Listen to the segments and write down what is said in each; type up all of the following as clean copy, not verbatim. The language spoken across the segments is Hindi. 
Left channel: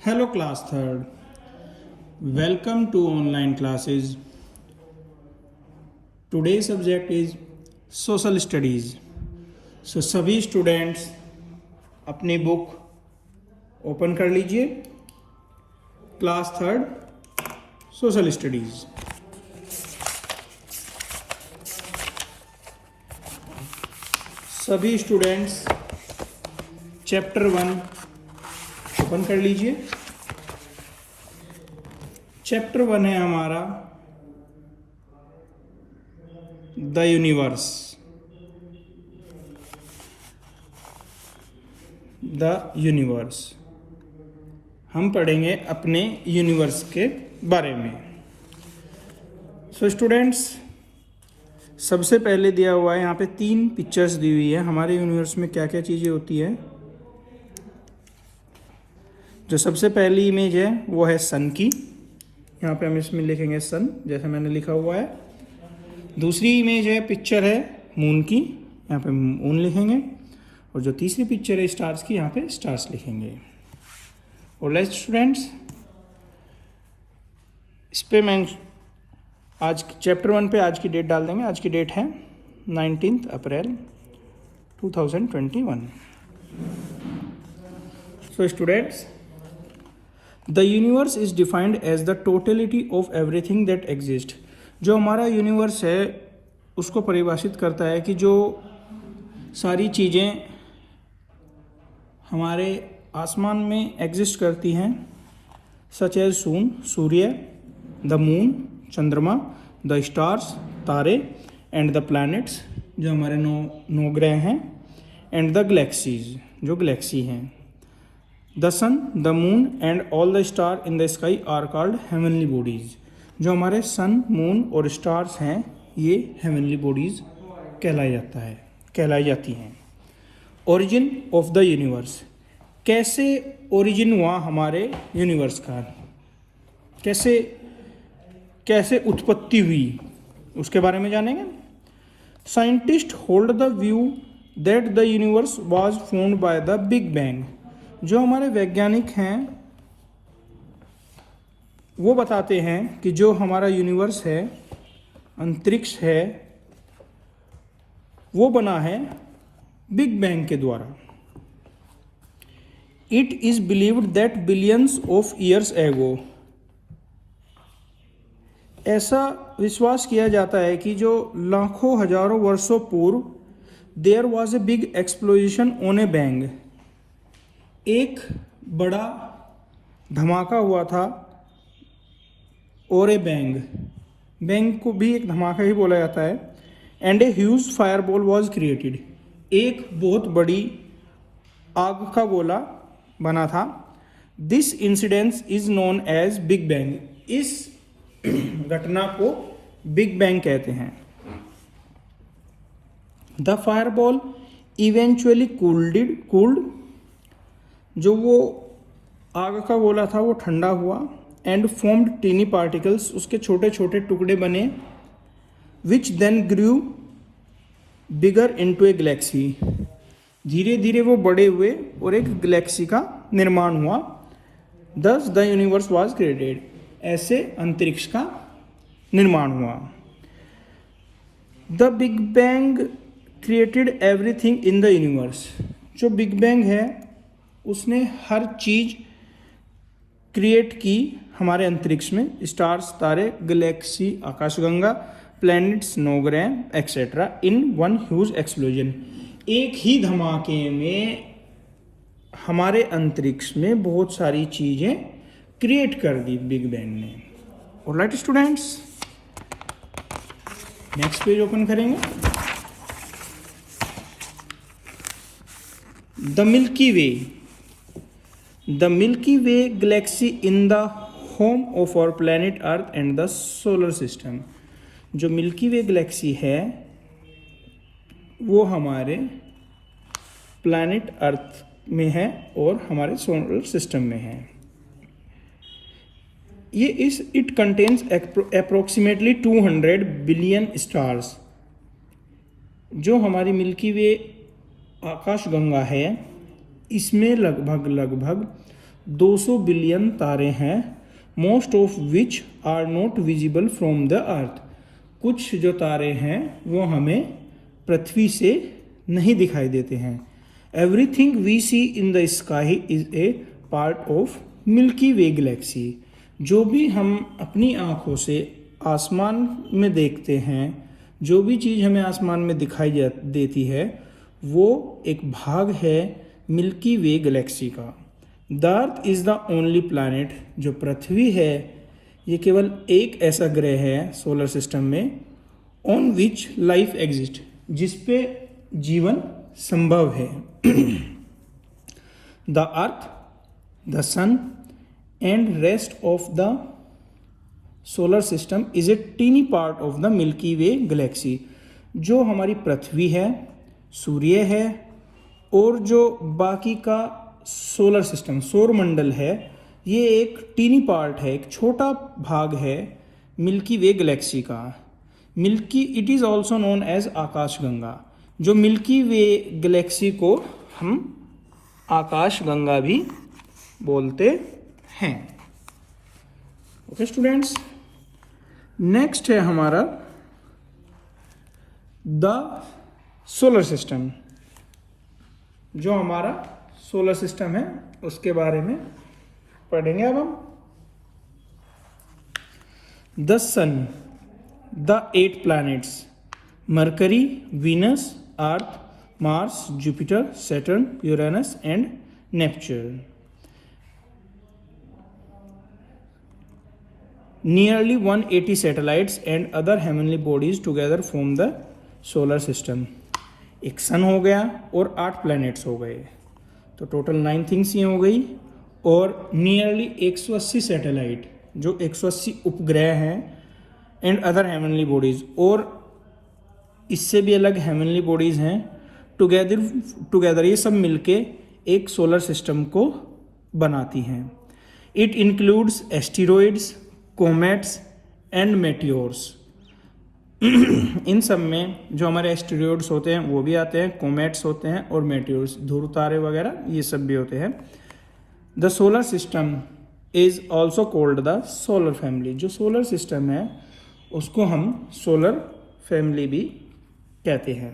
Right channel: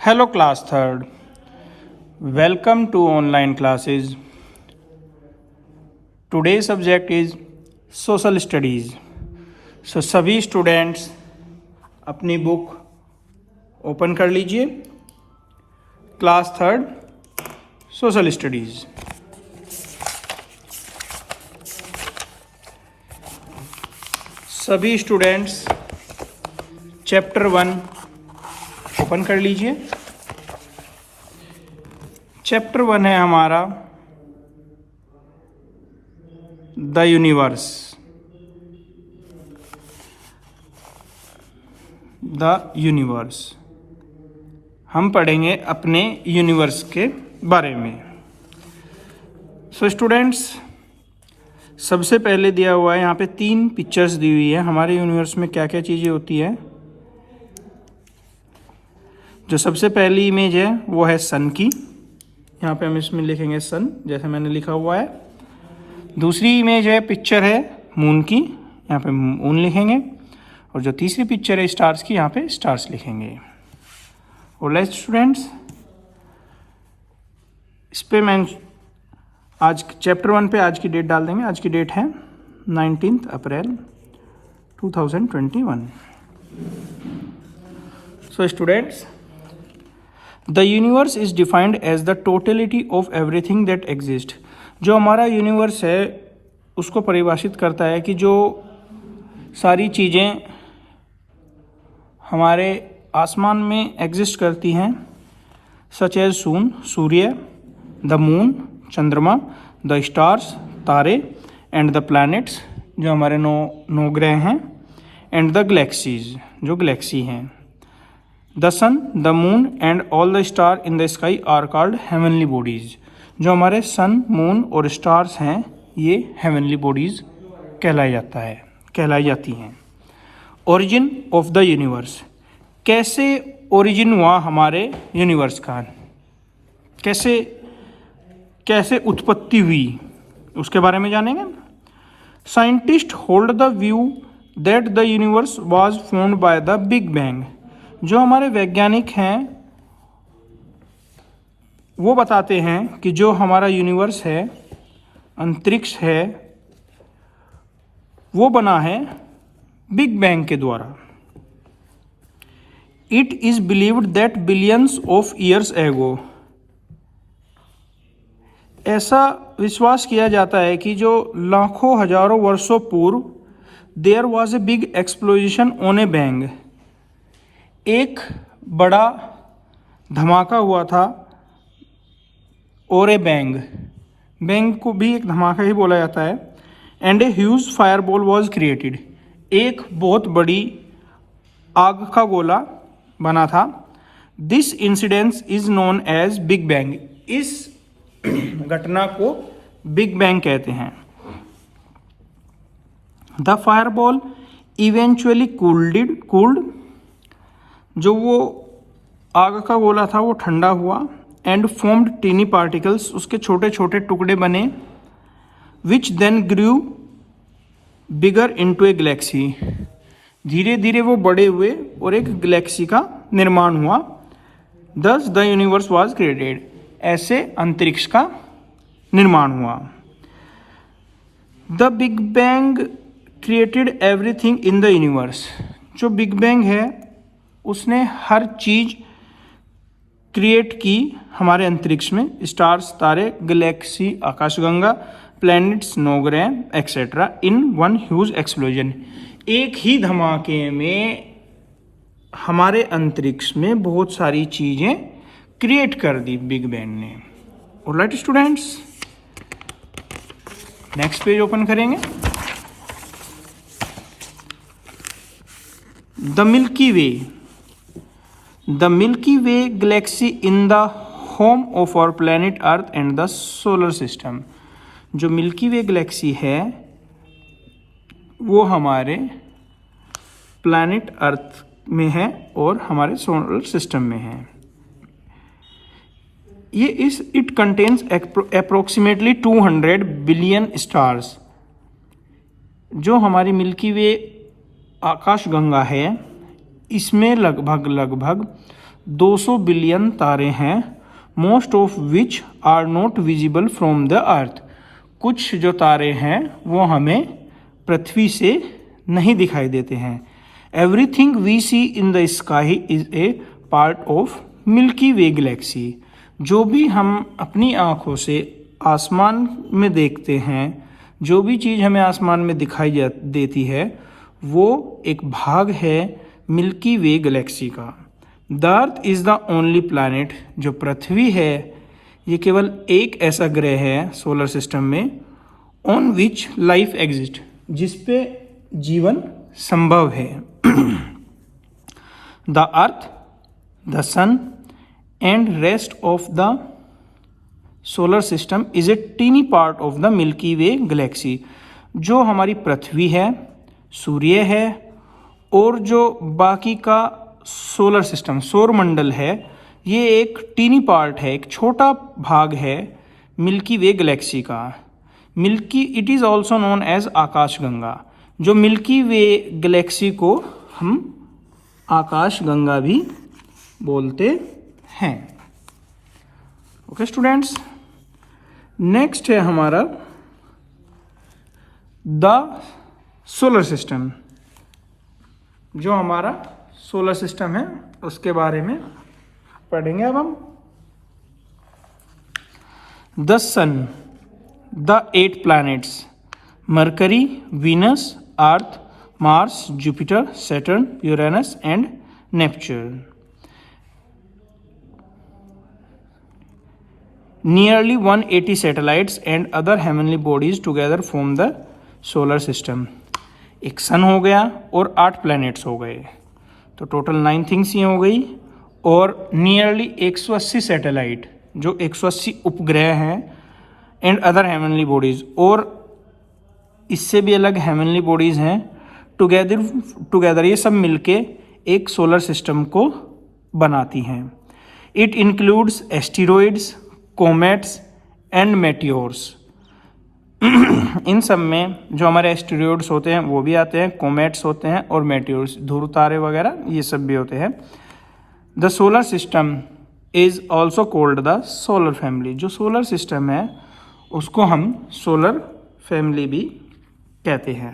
Hello class 3rd. Welcome to online classes. Today's subject is social studies. So सभी स्टूडेंट्स अपनी बुक ओपन कर लीजिए. Class 3rd social studies. सभी स्टूडेंट्स चैप्टर 1 ओपन कर लीजिए. चैप्टर 1 है हमारा द यूनिवर्स. द यूनिवर्स हम पढ़ेंगे अपने यूनिवर्स के बारे में. सो स्टूडेंट्स, सबसे पहले दिया हुआ है यहाँ पे 3 पिक्चर्स दी हुई है. हमारे यूनिवर्स में क्या क्या चीज़ें होती है. जो सबसे पहली इमेज है वो है सन की. यहाँ पे हम इसमें लिखेंगे सन, जैसे मैंने लिखा हुआ है. दूसरी इमेज है, पिक्चर है मून की. यहाँ पे मून लिखेंगे. और जो तीसरी पिक्चर है स्टार्स की, यहाँ पे स्टार्स लिखेंगे. ऑलराइट स्टूडेंट्स, इस पे मैं आज चैप्टर 1 पे आज की डेट डाल देंगे. आज की डेट है 19 April 2021. So students, the universe is defined as the totality of everything that exist. जो हमारा यूनिवर्स है उसको परिभाषित करता है कि जो सारी चीज़ें हमारे आसमान में एग्जिस्ट करती हैं, सच एज सूर्य, द मून चंद्रमा, द स्टार्स तारे, एंड द प्लैनेट्स जो हमारे नौ ग्रह हैं, एंड द गैलेक्सीज जो गैलेक्सी हैं. The sun, the moon and all the star in the sky are called heavenly bodies. जो हमारे सन, मून और स्टार्स हैं ये हेवनली बॉडीज कहलाई जाती हैं. Origin of the universe. कैसे ओरिजिन हुआ हमारे यूनिवर्स का, कैसे उत्पत्ति हुई, उसके बारे में जानेंगे. Scientist hold the view that the universe was formed by the big bang. जो हमारे वैज्ञानिक हैं वो बताते हैं कि जो हमारा यूनिवर्स है, अंतरिक्ष है, वो बना है बिग बैंग के द्वारा. It is believed that billions of years ago. ऐसा विश्वास किया जाता है कि जो लाखों हजारों वर्षों पूर्व there was a big explosion on a bang. एक बड़ा धमाका हुआ था और ए बैंग को भी एक धमाका ही बोला जाता है. And a huge fireball was created. एक बहुत बड़ी आग का गोला बना था. This incidence is known as big bang. इस घटना को बिग बैंग कहते हैं. The fireball eventually cooled. जो वो आग का गोला था वो ठंडा हुआ. And formed tiny particles. उसके छोटे छोटे टुकड़े बने. Which then grew bigger into a galaxy. धीरे धीरे वो बड़े हुए और एक गैलेक्सी का निर्माण हुआ. दस द यूनिवर्स वाज क्रिएटेड. ऐसे अंतरिक्ष का निर्माण हुआ. The big bang created everything in the universe. जो बिग बैंग है उसने हर चीज क्रिएट की हमारे अंतरिक्ष में. स्टार्स तारे, गैलेक्सी आकाशगंगा, प्लैनेट्स नौ ग्रह etcetera in one huge explosion. एक ही धमाके में हमारे अंतरिक्ष में बहुत सारी चीजें क्रिएट कर दी बिग बैंग ने. Alright students, next page open करेंगे. The milky way. The milky way galaxy in the home of our planet earth and the solar system. जो मिल्की वे गैलेक्सी है वो हमारे प्लैनेट अर्थ में है और हमारे सोलर सिस्टम में है. It contains approximately 200 billion stars. जो हमारी मिल्की वे आकाशगंगा है इसमें लगभग 200 बिलियन तारे हैं, most of which are not visible from the earth. कुछ जो तारे हैं वो हमें पृथ्वी से नहीं दिखाई देते हैं। Everything we see in the sky is a part of milky way galaxy. जो भी हम अपनी आँखों से आसमान में देखते हैं, जो भी चीज़ हमें आसमान में दिखाई देती है, वो एक भाग है मिल्की वे गैलेक्सी का। The earth is the only planet, जो पृथ्वी है ये केवल एक ऐसा ग्रह है सोलर सिस्टम में, ऑन विच लाइफ एग्जिस्ट, जिस पे जीवन संभव है। The earth, the sun and rest of the solar system is a tiny part of the milky way galaxy. जो हमारी पृथ्वी है, सूर्य है और जो बाकी का सोलर सिस्टम सौर मंडल है, ये एक टीनी पार्ट है, एक छोटा भाग है मिल्की वे गैलेक्सी का। Milky it is also known as आकाशगंगा। जो मिल्की वे गैलेक्सी को हम आकाशगंगा भी बोलते हैं। ओके स्टूडेंट्स, नेक्स्ट है हमारा द सोलर सिस्टम। जो हमारा सोलर सिस्टम है उसके बारे में पढ़ेंगे अब हम। The sun, the 8 planets, Mercury, Venus, Earth, Mars, Jupiter, Saturn, Uranus and Neptune. Nearly 180 satellites and other heavenly bodies together form the solar system। एक सन हो गया और 8 प्लैनेट्स हो गए, तो टोटल 9 थिंग्स ही हो गई। और नियरली 180 सैटेलाइट, जो 180 उपग्रह हैं, एंड अदर हेवनली बॉडीज, और इससे भी अलग हेवनली बॉडीज हैं, टुगेदर ये सब मिलके एक सोलर सिस्टम को बनाती हैं। It includes asteroids, comets and meteors. इन सब में जो हमारे एस्टेरॉइड्स होते हैं वो भी आते हैं, कोमेट्स होते हैं और मेटियोर्स, ध्रुव तारे वगैरह, ये सब भी होते हैं। The solar system is also called the solar family. जो सोलर सिस्टम है उसको हम सोलर फैमिली भी कहते हैं।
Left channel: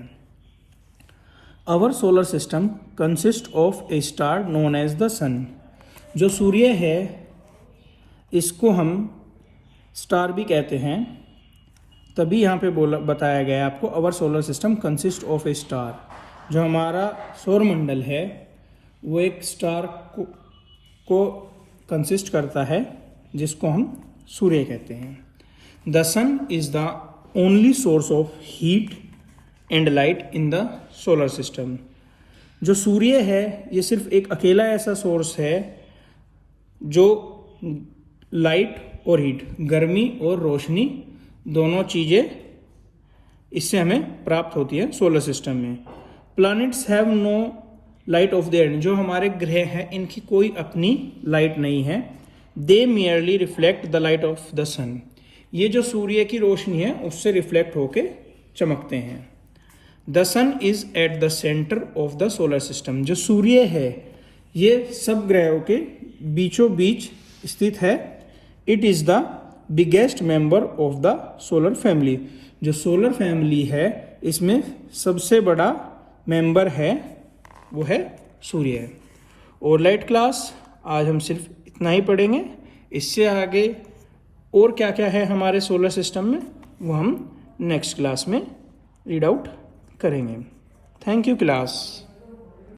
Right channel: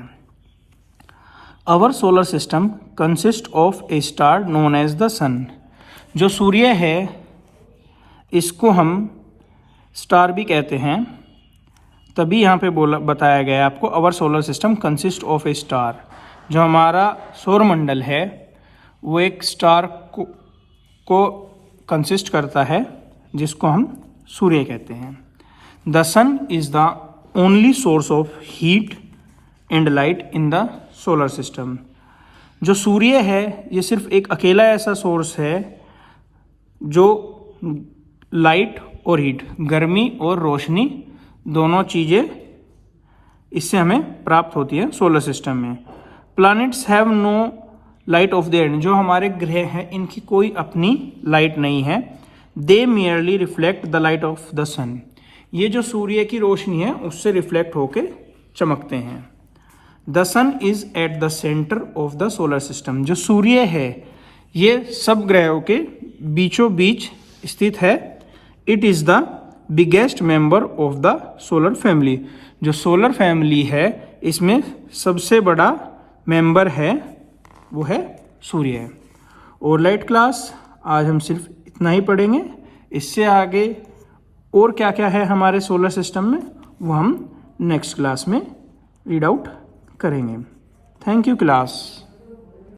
Our solar system consist of a star known as the sun. जो सूर्य है इसको हम स्टार भी कहते हैं, तभी यहाँ पे बताया गया है आपको our solar system consist of a star. जो हमारा सौरमंडल है वो एक स्टार को कंसिस्ट करता है, जिसको हम सूर्य कहते हैं। The sun is the only source of heat and light in the solar system. जो सूर्य है ये सिर्फ एक अकेला ऐसा सोर्स है जो लाइट और हीट, गर्मी और रोशनी, दोनों चीज़ें इससे हमें प्राप्त होती है सोलर सिस्टम में। Planets have no light of their. जो हमारे ग्रह हैं इनकी कोई अपनी लाइट नहीं है। They merely reflect the light of the sun. ये जो सूर्य की रोशनी है उससे रिफ्लेक्ट होके चमकते हैं। The sun is at the centre of the solar system. जो सूर्य है ये सब ग्रहों के बीचों बीच स्थित है। It is the biggest member of the solar family. जो सोलर फैमिली है इसमें सबसे बड़ा मेंबर है वो है सूर्य। और लाइट क्लास आज हम सिर्फ इतना ही पढ़ेंगे। इससे आगे और क्या क्या है हमारे सोलर सिस्टम में वो हम नेक्स्ट क्लास में रीड आउट करेंगे। Thank you class.